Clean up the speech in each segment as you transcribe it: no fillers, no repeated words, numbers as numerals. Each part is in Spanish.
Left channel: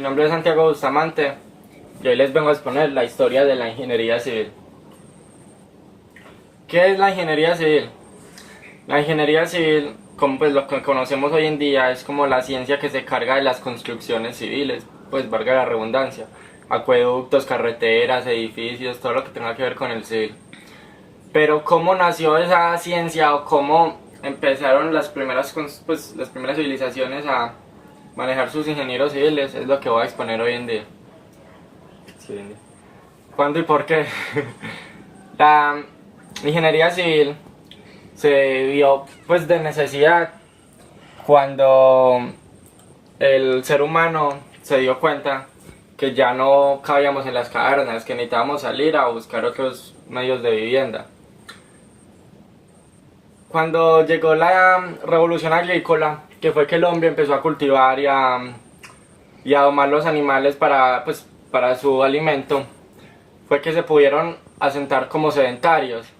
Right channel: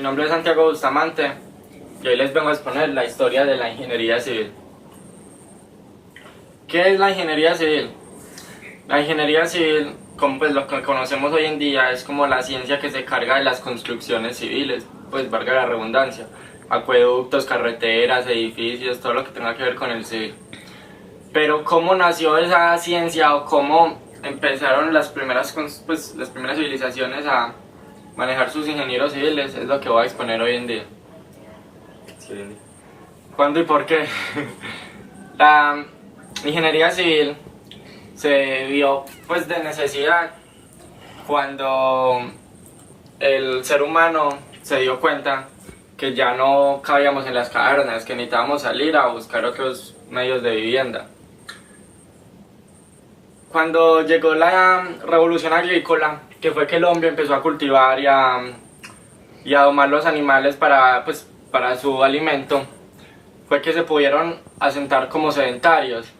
Mi nombre es Santiago Bustamante y hoy les vengo a exponer la historia de la ingeniería civil. ¿Qué es la ingeniería civil? La ingeniería civil, como pues lo que conocemos hoy en día, es como la ciencia que se carga de las construcciones civiles, pues valga la redundancia, acueductos, carreteras, edificios, todo lo que tenga que ver con el civil. Pero cómo nació esa ciencia o cómo empezaron las primeras civilizaciones a manejar sus ingenieros civiles es lo que voy a exponer hoy en día. Sí. ¿Cuándo y por qué? La ingeniería civil se vio pues de necesidad cuando el ser humano se dio cuenta que ya no cabíamos en las cavernas, que necesitábamos salir a buscar otros medios de vivienda. Cuando llegó la revolución agrícola, que fue que el hombre empezó a cultivar y a domar los animales para su alimento, fue que se pudieron asentar como sedentarios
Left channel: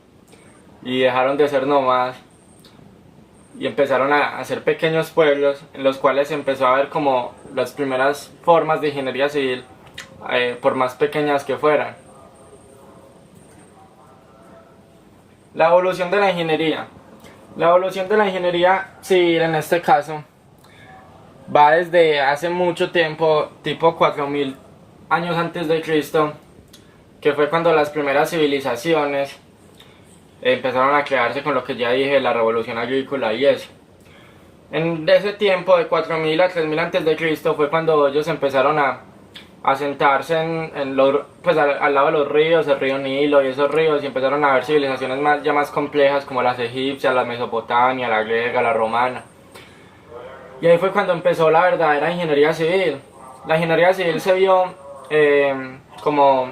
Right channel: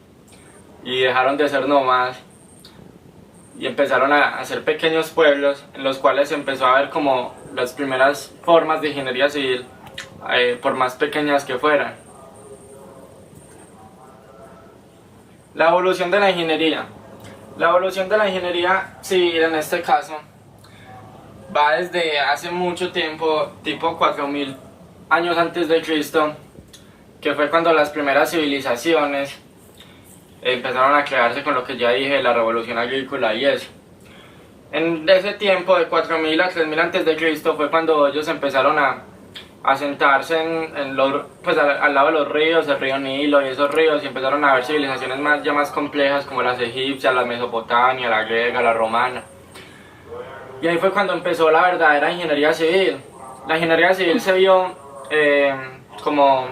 y dejaron de ser nómadas y empezaron a hacer pequeños pueblos en los cuales se empezó a ver como las primeras formas de ingeniería civil, por más pequeñas que fueran. La evolución de la ingeniería. La evolución de la ingeniería civil en este caso va desde hace mucho tiempo, tipo 4000 años antes de Cristo, que fue cuando las primeras civilizaciones empezaron a crearse con lo que ya dije, la revolución agrícola y eso. En ese tiempo, de 4000 a 3000 antes de Cristo, fue cuando ellos empezaron a sentarse al lado de los ríos, el río Nilo y esos ríos, y empezaron a ver civilizaciones ya más complejas como las egipcias, la Mesopotamia, la griega, la romana. Y ahí fue cuando empezó la verdadera ingeniería civil. La ingeniería civil se vio como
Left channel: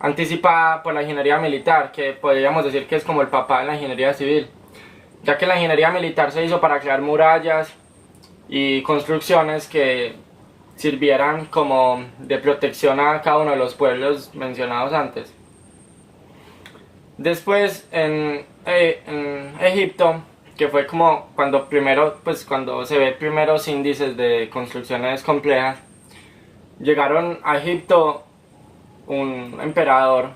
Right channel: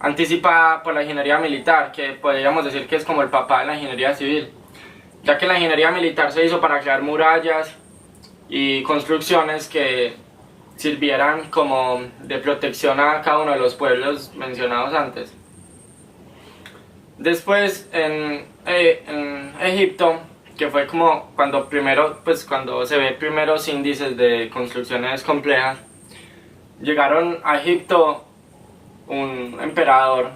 anticipada por la ingeniería militar, que podríamos decir que es como el papá de la ingeniería civil, ya que la ingeniería militar se hizo para crear murallas y construcciones que sirvieran como de protección a cada uno de los pueblos mencionados antes. Después en Egipto, que fue como cuando se ve primeros índices de construcciones complejas, llegaron a Egipto un emperador,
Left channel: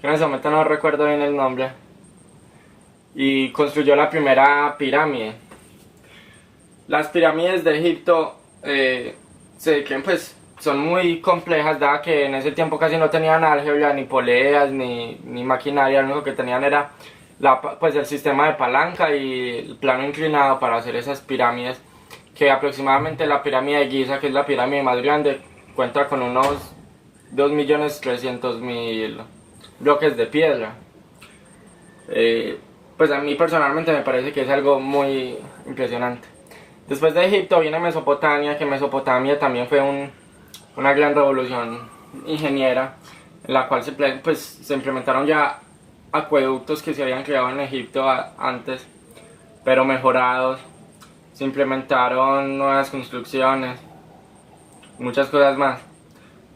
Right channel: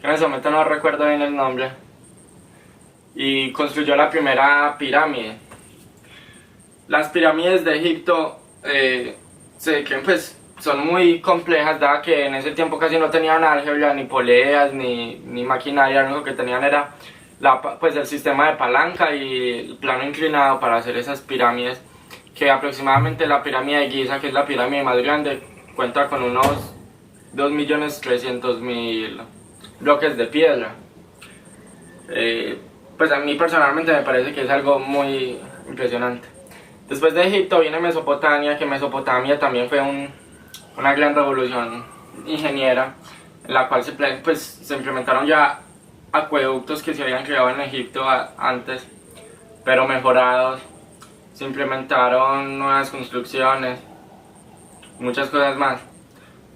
que en ese momento no recuerdo bien el nombre, y construyó la primera pirámide. Las pirámides de Egipto son muy complejas, dada que en ese tiempo casi no tenían álgebra, ni poleas, ni maquinaria. Lo único que tenían era el sistema de palanca y el plano inclinado para hacer esas pirámides, que aproximadamente la pirámide de Giza, que es la pirámide más grande, cuenta con unos 2.300.000 bloques de piedra. Pues a mí personalmente me parece que es algo muy impresionante. Después de Egipto viene Mesopotamia, que Mesopotamia también fue una gran revolución ingeniera, en la cual se implementaron ya acueductos que se habían creado en Egipto antes, pero mejorados. Se implementaron nuevas construcciones, muchas cosas más.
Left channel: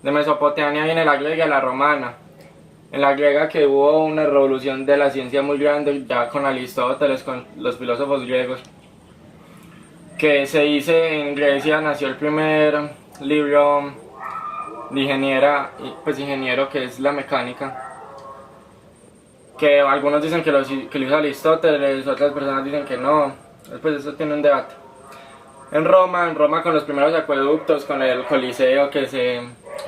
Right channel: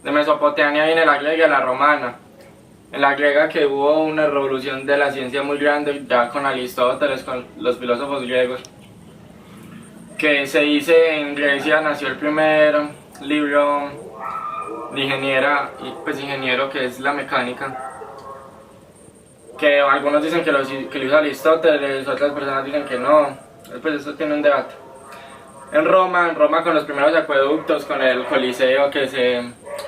De Mesopotamia viene la griega y la romana. En la griega, que hubo una revolución de la ciencia muy grande, ya con Aristóteles, con los filósofos griegos, que se dice en Grecia nació el primer libro de ingeniero, que es la mecánica, que algunos dicen que lo hizo Aristóteles, otras personas dicen que no. Después eso tiene un debate. En Roma con los primeros acueductos, con el Coliseo, que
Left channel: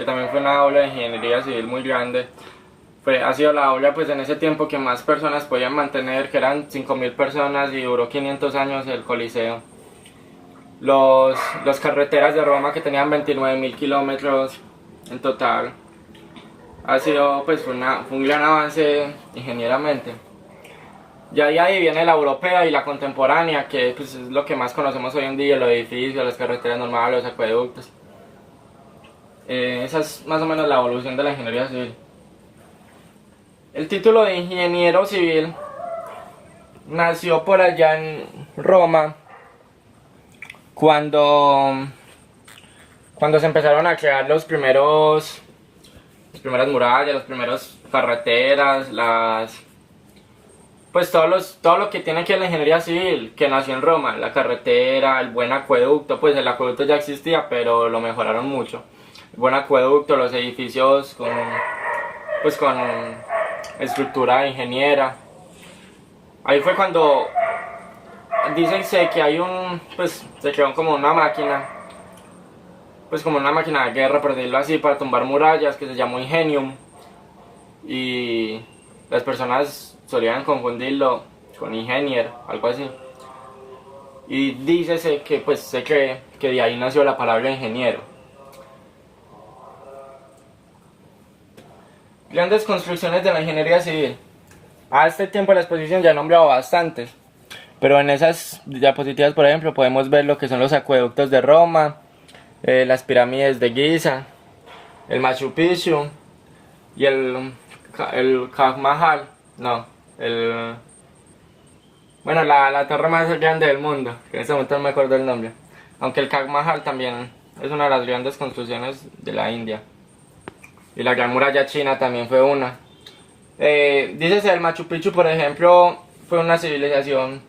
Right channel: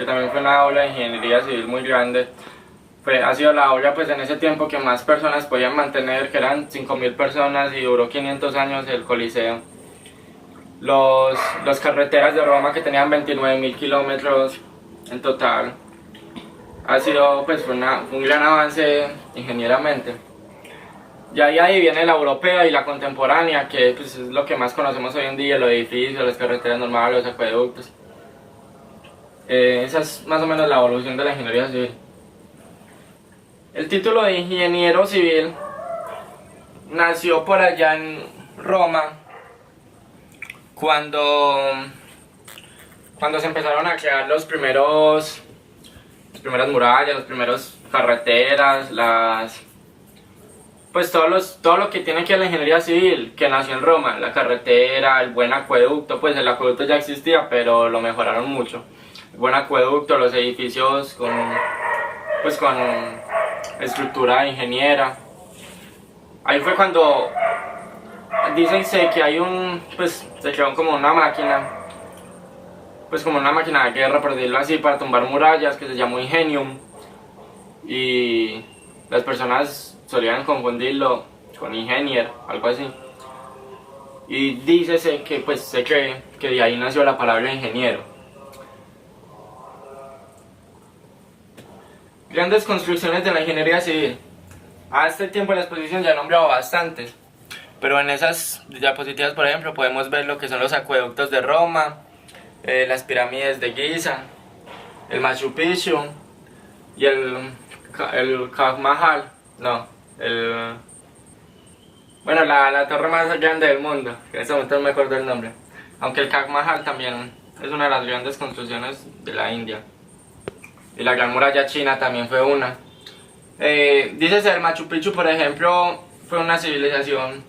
también fue una aula de ingeniería civil muy grande. Ha sido la obra en ese tiempo que más personas podían mantener, que eran 5000 personas, y duró 500 años el Coliseo. Las carreteras de Roma, que tenían 29.000 kilómetros en total, fue un gran avance ingenieramente. Ya ahí viene la europea y la contemporánea, que es lo que más conocemos hoy en día: los edificios, las carreteras normales, los acueductos. Esa es más o menos la evolución de la ingeniería civil. El título de ingeniero civil nació por allá en Roma, cuando se empezaron a crear las primeras murallas, las primeras carreteras, pues todo lo que tiene que ver la ingeniería civil, que nació en Roma, la carretera, el buen acueducto, pues el acueducto ya existía, pero lo mejoraron mucho. El buen acueducto, los edificios pues con estructura ingeniera. Ahí fue cuando dicen que hay pues se creó como una máquina, pues como una máquina de guerra, por decirlo así, para tumbar murallas, que se llamó Ingenium. Y las personas solían confundirlo con ingenier, algo así. Y dícese que pues se cree que de ahí nació la palabra ingeniero. Grandes construcciones de la ingeniería civil. A este tiempo la exposición ya he nombrado bastantes, pero en esas diapositivas, por ejemplo, podemos ver lo que son los acueductos de Roma, las pirámides de Giza, el Machu Picchu y el Taj Mahal. No, bueno, la torre más grande del mundo, que en ese momento no me acuerdo el nombre. Aunque el Taj Mahal también es una de las grandes construcciones de la India. Y la Gran Muralla China también fue una. Dícese el Machu Picchu, por ejemplo, fue una civilización,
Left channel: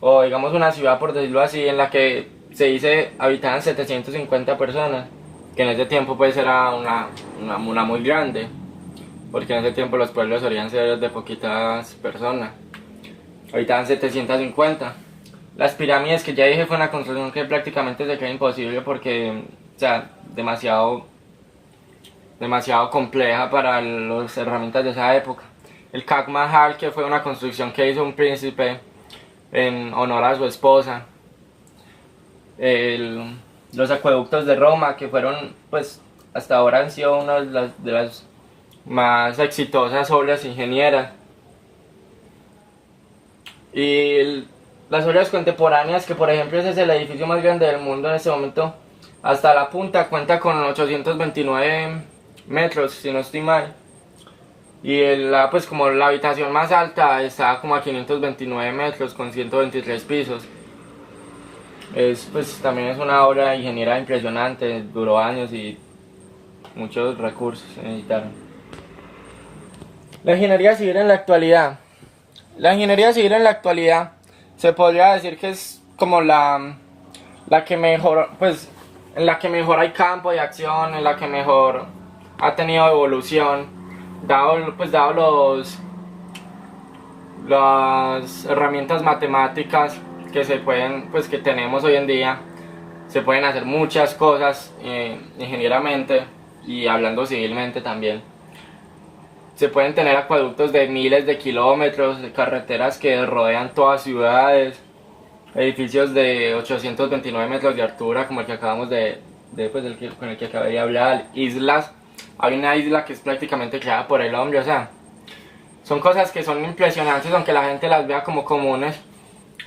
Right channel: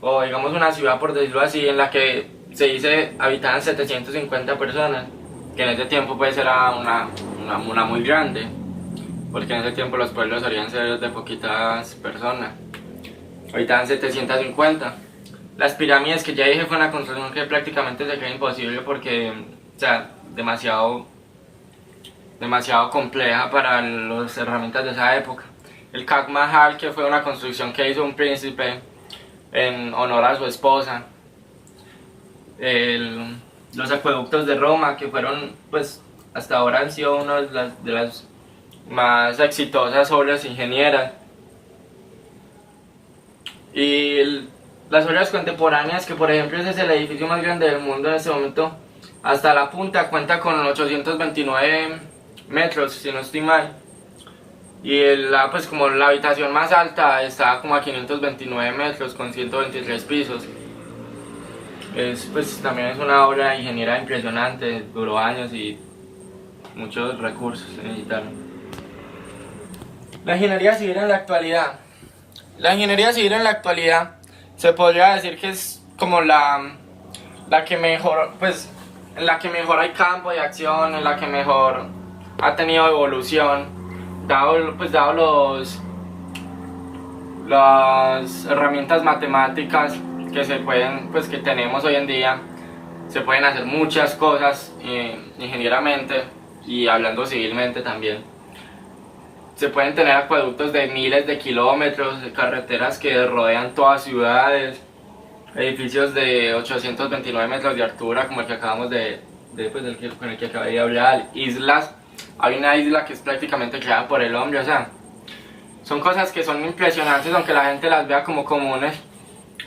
o digamos una ciudad, por decirlo así, en la que se dice habitaban 750 personas, que en ese tiempo pues era una muy grande, porque en ese tiempo los pueblos solían ser de poquitas personas. Habitaban 750. Las pirámides, que ya dije, fue una construcción que prácticamente se cree imposible porque, o sea, demasiado compleja para las herramientas de esa época. El Taj Mahal, que fue una construcción que hizo un príncipe en honor a su esposa. Los acueductos de Roma, que fueron, pues, hasta ahora han sido una de las más exitosas obras ingenieras. Y las obras contemporáneas, que por ejemplo ese es el edificio más grande del mundo en este momento, hasta la punta cuenta con 829 metros, si no estoy mal. Y pues como la habitación más alta está como a 529 metros con 123 pisos. Pues también es una obra de ingeniería impresionante, duró años y muchos recursos se necesitaron. La ingeniería civil en la actualidad. La ingeniería civil en la actualidad se podría decir que es como la que mejor, pues en la que mejor hay campo de acción, en la que mejor ha tenido evolución, dado las herramientas matemáticas que se pueden, pues que tenemos hoy en día. Se pueden hacer muchas cosas ingenieramente y hablando civilmente también. Se pueden tener acueductos de miles de kilómetros, carreteras que rodean todas ciudades, edificios de 829 metros de altura, como el que acabamos con el que acabé de hablar, islas. Hay una isla que es prácticamente creada por el hombre, o sea, son cosas que son impresionantes, aunque la gente las vea como comunes.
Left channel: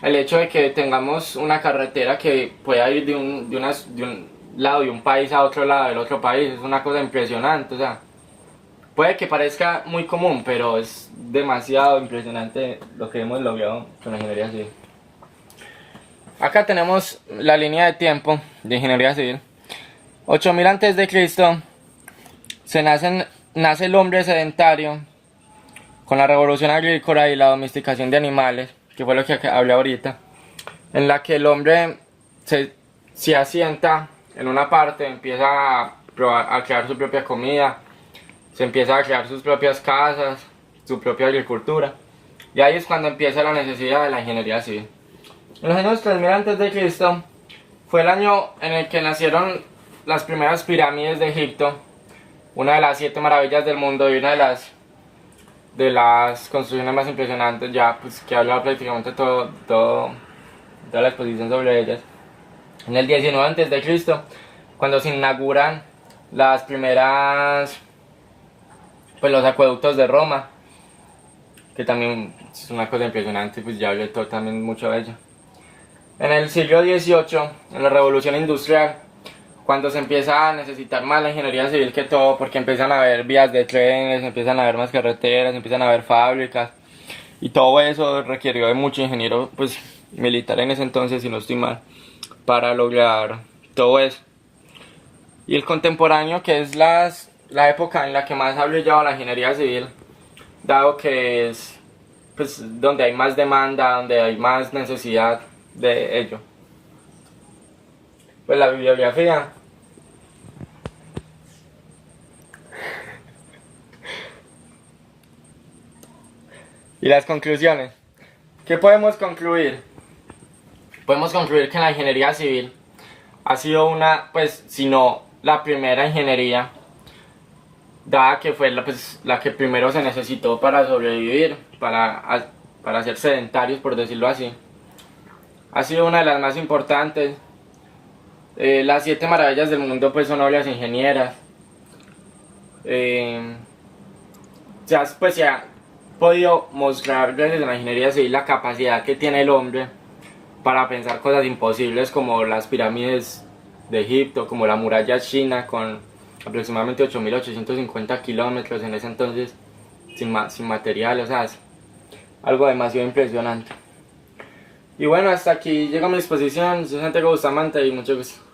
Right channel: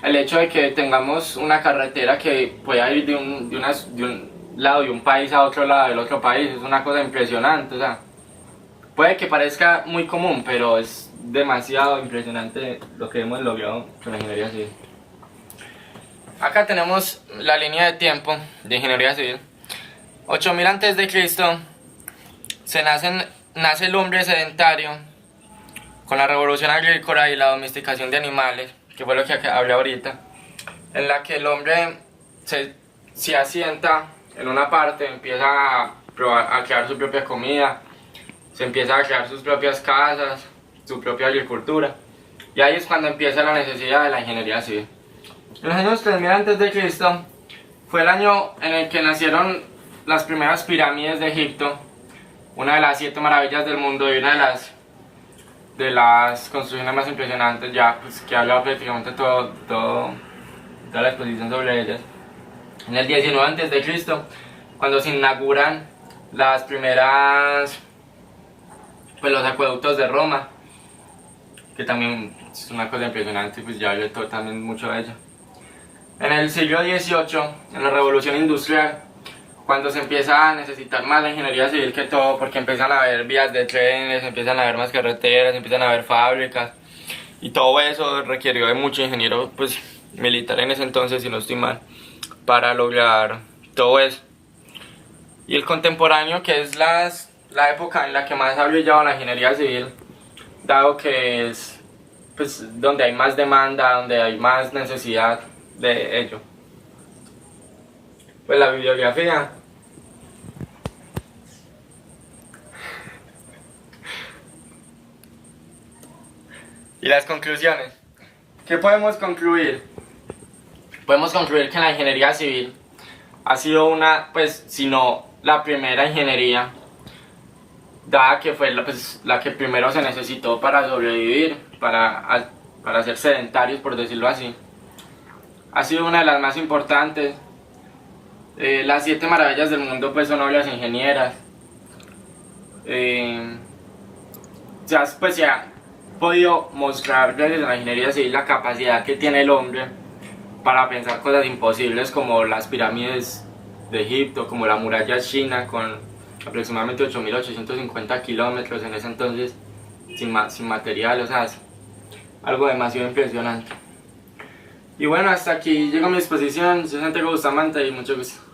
El hecho de que tengamos una carretera que pueda ir de un lado de un país a otro lado del otro país es una cosa impresionante, o sea, puede que parezca muy común, pero es demasiado impresionante lo que hemos logrado con la ingeniería civil. Acá tenemos la línea de tiempo de ingeniería civil. 8000 antes de Cristo nace el hombre sedentario con la revolución agrícola y la domesticación de animales, que fue lo que hablé ahorita, en la que el hombre se asienta en una parte, empieza a crear su propia comida, se empieza a crear sus propias casas, su propia agricultura, y ahí es cuando empieza la necesidad de la ingeniería civil. En los años 3000 antes de Cristo fue el año en el que nacieron las primeras pirámides de Egipto, una de las 7 maravillas del mundo y una de las construcciones más impresionantes, ya pues que he hablado prácticamente toda la exposición sobre ellas. En el 19 antes de Cristo, cuando se inauguran las primeras, pues los acueductos de Roma, que también es una cosa impresionante, pues ya hablé también mucho de ello. En el siglo XVIII, en la revolución industrial, cuando se empieza a necesitar más la ingeniería civil que todo, porque empiezan a haber vías de trenes, empiezan a haber más carreteras, empiezan a haber fábricas, y todo eso requirió de mucho ingeniero pues militar en ese entonces, si no estoy mal, para lograr todo eso. Y el contemporáneo, que es la época en la que más ha brillado la ingeniería civil, dado que es pues donde hay más demanda, donde hay más necesidad de ello. Pues la bibliografía. Y las conclusiones. ¿Qué podemos concluir? Podemos concluir que la ingeniería civil ha sido una, pues, si no la primera ingeniería, dada que fue la que primero se necesitó para sobrevivir, para ser sedentarios, por decirlo así. Ha sido una de las más importantes. Las 7 maravillas del mundo pues son obras ingenieras. Se ha podido mostrar gracias a la ingeniería civil la capacidad que tiene el hombre para pensar cosas imposibles como las pirámides de Egipto, como la muralla china con aproximadamente 8.850 kilómetros en ese entonces sin material, o sea, es algo demasiado impresionante. Y bueno, hasta aquí llega mi exposición. Soy Santiago Bustamante y mucho gusto.